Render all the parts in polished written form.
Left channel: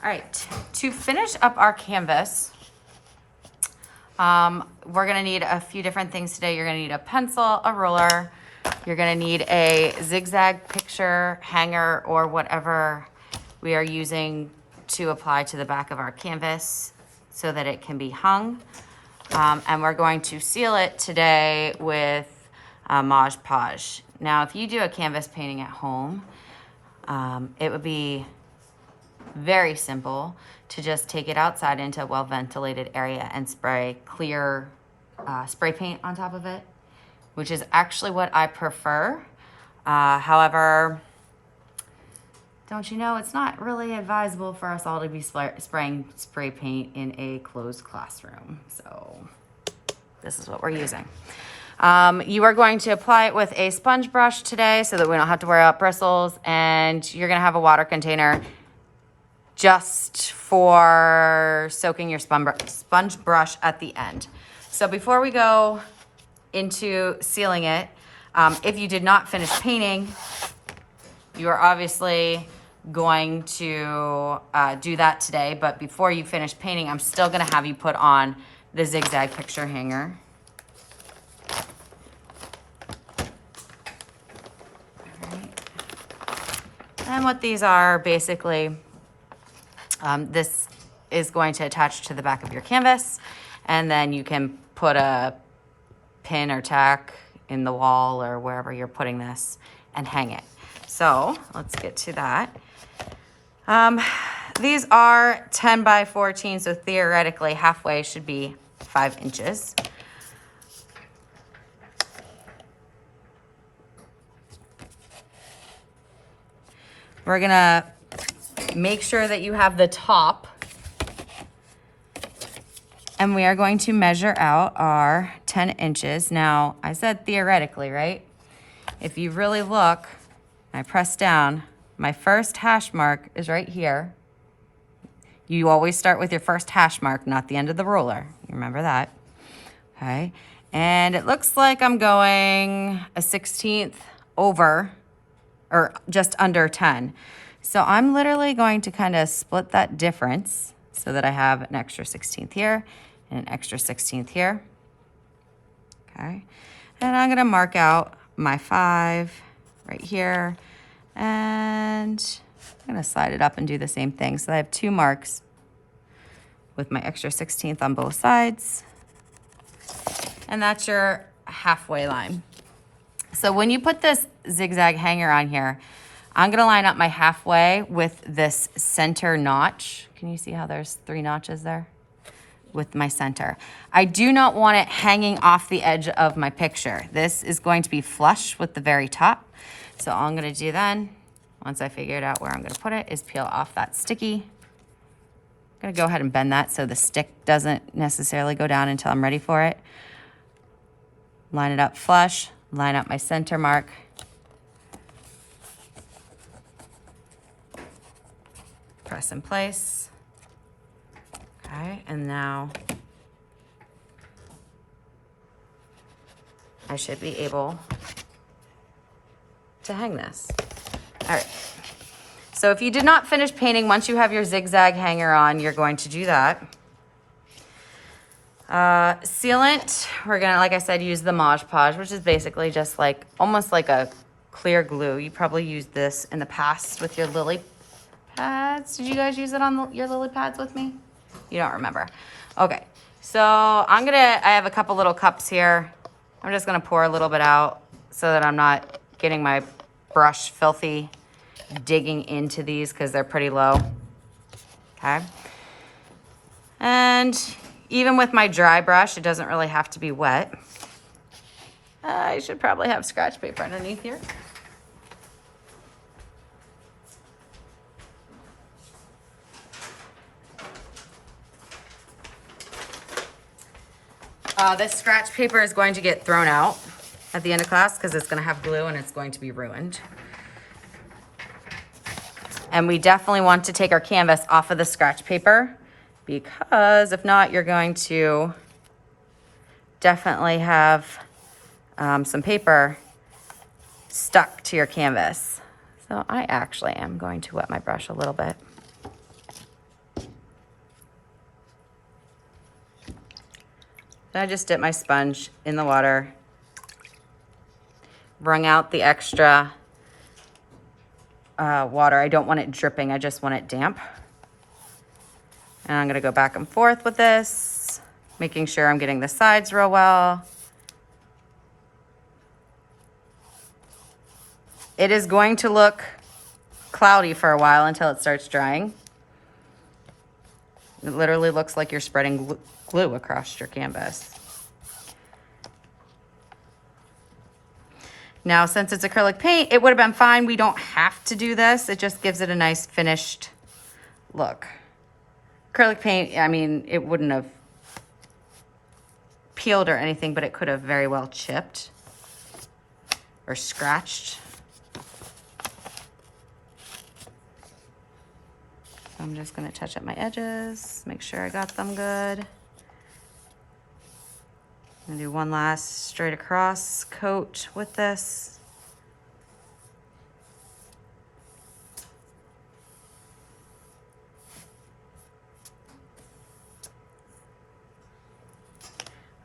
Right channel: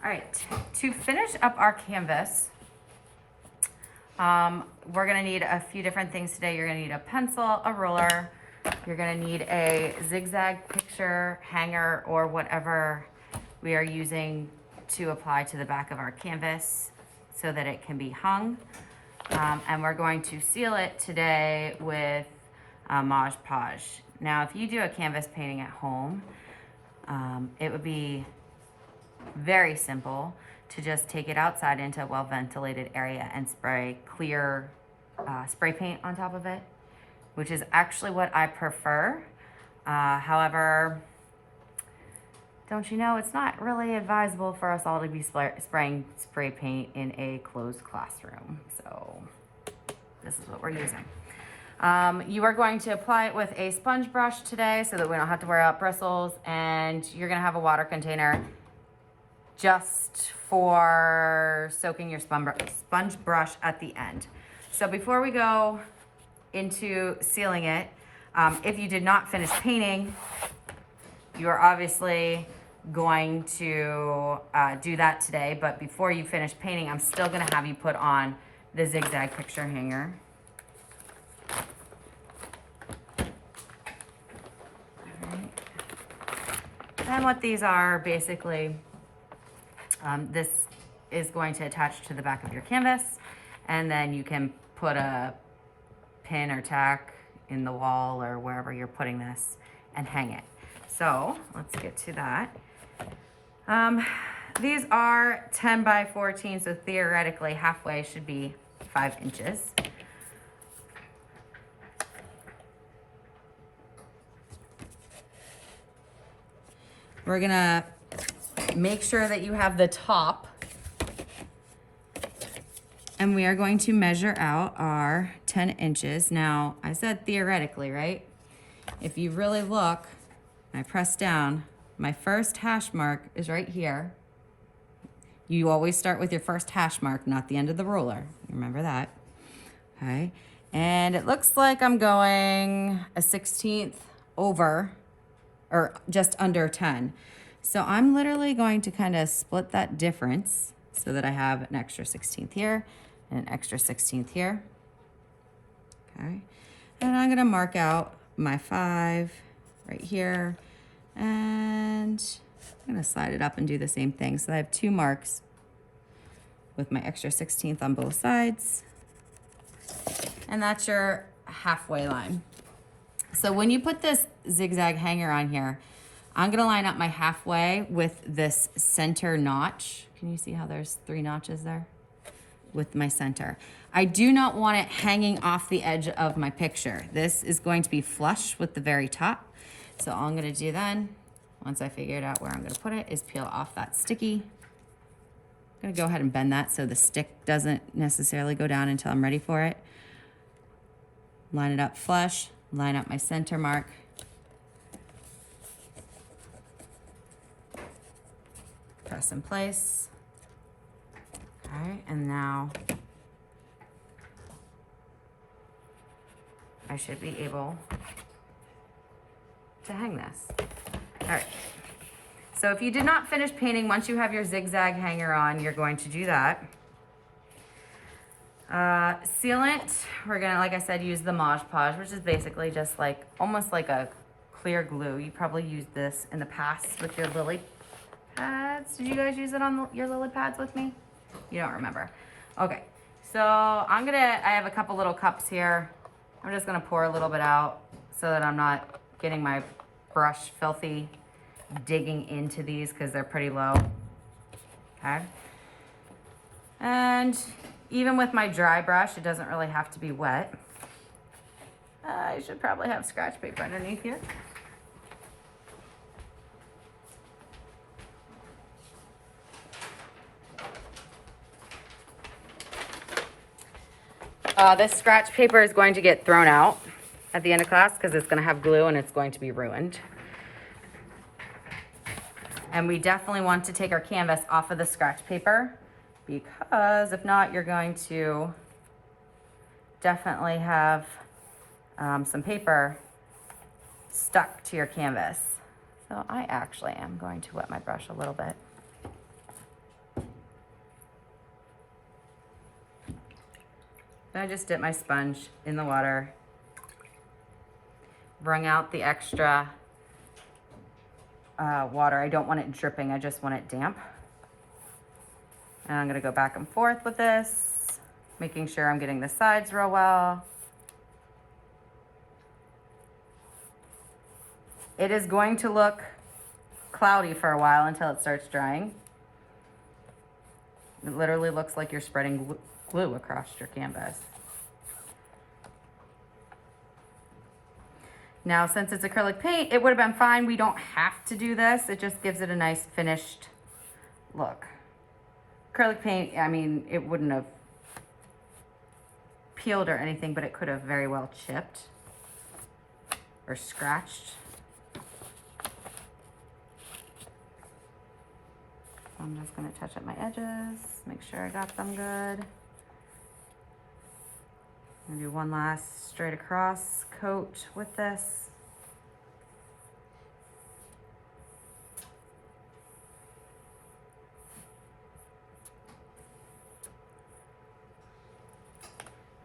All right, to finish up our canvas, we're gonna need a few different things today. You're gonna need a pencil, a ruler. You're gonna need a zigzag picture hanger or whatever we are using to apply to the back of our canvas so that it can be hung. And we're going to seal it today with Mod Podge. Now, if you do a canvas painting at home, it would be very simple to just take it outside into a well-ventilated area and spray clear spray paint on top of it, which is actually what I prefer. However, don't you know, it's not really advisable for us all to be spraying spray paint in a closed classroom. So this is what we're using. You are going to apply it with a sponge brush today so that we don't have to worry about bristles, and you're gonna have a water container just for soaking your sponge brush at the end. So before we go into sealing it, if you did not finish painting, you are obviously going to do that today, but before you finish painting, I'm still gonna have you put on the zigzag picture hanger. All right. And what these are basically, this is going to attach to the back of your canvas, and then you can put a pin or tack in the wall or wherever you're putting this and hang it. So let's get to that. These are 10 by 14, so theoretically halfway should be 5 inches. We're gonna make sure that you have the top, and we are going to measure out our 10 inches. Now, I said theoretically, right? If you really look, I press down, my first hash mark is right here. You always start with your first hash mark, not the end of the ruler. You remember that, okay? And it looks like I'm going a 1/16 over, or just under 10. So I'm literally going to kind of split that difference so that I have an extra 1/16 here and an extra 1/16 here, okay? And I'm gonna mark out my 5 right here, and I'm gonna slide it up and do the same thing. So I have 2 marks with my extra 1/16 on both sides, and that's your halfway line. So when you put this zigzag hanger on here, I'm gonna line up my halfway with this center notch. Can you see how there's 3 notches there? With my center. I do not want it hanging off the edge of my picture. This is going to be flush with the very top. So all I'm gonna do then, once I figured out where I'm gonna put it, is peel off that sticky. I'm gonna go ahead and bend that so the stick doesn't necessarily go down until I'm ready for it. Line it up flush, line up my center mark. Press in place. Okay, and now I should be able to hang this. All right. So if you did not finish painting, once you have your zigzag hanger on, you're going to do that. Sealant, we're gonna, like I said, use the Mod Podge, which is basically just like, almost like a clear glue. You probably used this in the past with your lily pads. Did you guys use it on your lily pads with me? You don't remember. Okay, so I have a couple little cups here. I'm just gonna pour a little bit out so that I'm not getting my brush filthy digging into these because they're pretty low, okay? And even with my dry brush, it doesn't really have to be wet. I should probably have scratch paper underneath here. This scratch paper is going to get thrown out at the end of class because it's going to have glue and it's going to be ruined. And we definitely want to take our canvas off of the scratch paper, because if not, you're going to definitely have some paper stuck to your canvas. So I actually am going to wet my brush a little bit. Then I just dip my sponge in the water, wrung out the extra water. I don't want it dripping, I just want it damp. And I'm gonna go back and forth with this, making sure I'm getting the sides real well. It is going to look cloudy for a while until it starts drying. It literally looks like you're spreading glue across your canvas. Now, since it's acrylic paint, it would have been fine. We don't have to do this. It just gives it a nice finished look. Acrylic paint, I mean, it wouldn't have peeled or anything, but it could have very well chipped or scratched. So I'm just gonna touch up my edges, make sure I got them good. I'm gonna do one last straight across coat with this.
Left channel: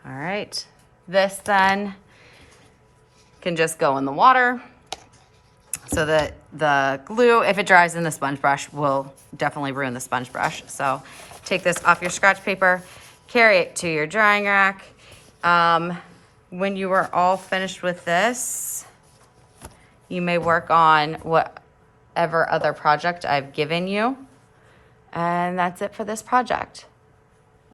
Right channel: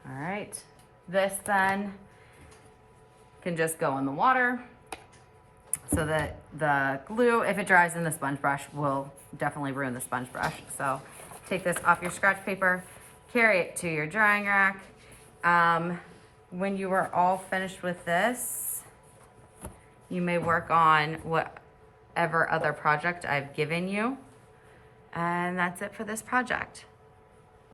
All right, this then can just go in the water so that the glue, if it dries in the sponge brush, will definitely ruin the sponge brush. So take this off your scratch paper, carry it to your drying rack. When you are all finished with this, you may work on whatever other project I've given you. And that's it for this project.